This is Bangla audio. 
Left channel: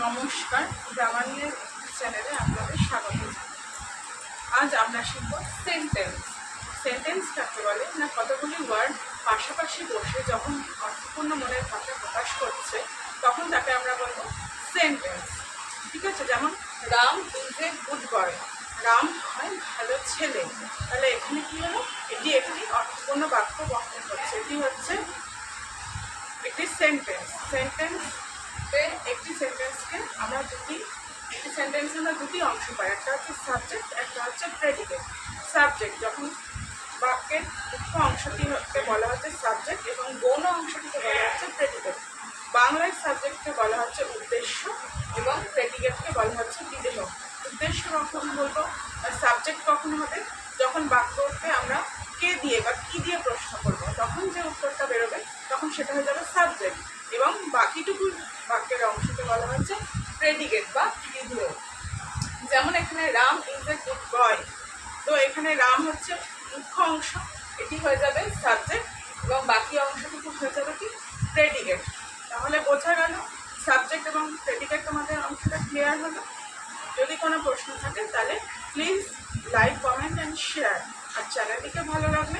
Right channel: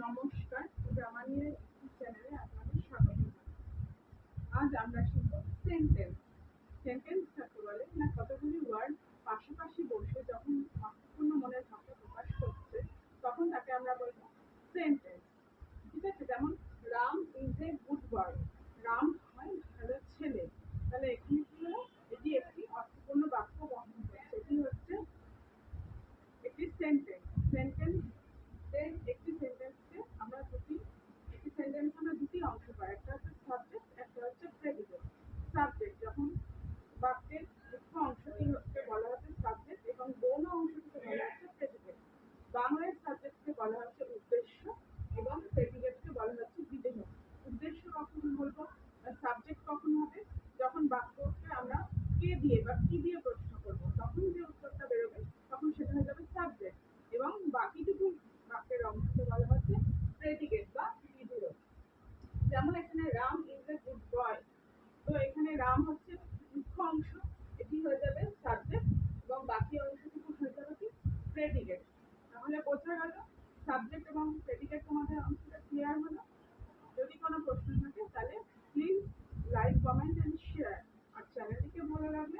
নমস্কার, গ্রামার চ্যানেলে আপনাদের স্বাগত। আজ আমরা শিখব সেন্টেন্স। সেন্টেন্স কাকে বলে না, কতগুলি ওয়ার্ড পাশাপাশি বসে যখন অর্থপূর্ণ মনের ভাষা প্রকাশ করছে তখন তাকে আমরা বলবো সেন্টেন্স। ঠিক আছে, যেমন Ram is a good boy, Ram হয় ভালো ছেলে। তাহলে এখানে কি হলো, এটি একটি অর্থপূর্ণ বাক্য গঠন করছে। এটি হচ্ছে একটি সেন্টেন্স। একটি সেন্টেন্সকে আমরা দুটি অংশ পাই, একটা হচ্ছে সাবজেক্ট, একটা হচ্ছে প্রেডিকেট। সাবজেক্ট যখন বাক্যের মুখ্য অংশটিকে বলা হচ্ছে সাবজেক্ট এবং গৌণ অংশটিকে বলা হচ্ছে প্রেডিকেট। বাংলায় সাবজেক্টকে বলা হচ্ছে উদ্দেশ্য এবং প্রেডিকেটকে বলা হচ্ছে বিদেহ। উদ্দেশ্য কখন বলবো, সাবজেক্ট কখন হবে, যখন বাক্যকে আমরা কে দিয়ে বা কি দিয়ে প্রশ্ন করবো তখন যে উত্তরটা বেরোবে তখন সেটা হয়ে যাবে সাবজেক্ট, এবং বাকিটুকু বাক্যের অংশকে বলা হচ্ছে প্রেডিকেট বা বিধেয়। যেমন এখানে Ram is a good boy, তো এখানে রাম হচ্ছে মুখ্য অংশ, এটি হয়ে যাবে সাবজেক্ট এবং বাকি অংশটুকু হয়ে যাবে কি প্রেডিকেট। তাহলে বোঝা গেল সাবজেক্ট এবং প্রেডিকেট, তোমাদের অংশটা ক্লিয়ার হলো। যদি কোনো প্রশ্ন থাকে তাহলে please like, comment and share, আর চ্যানেলটিকে ভালো লাগলে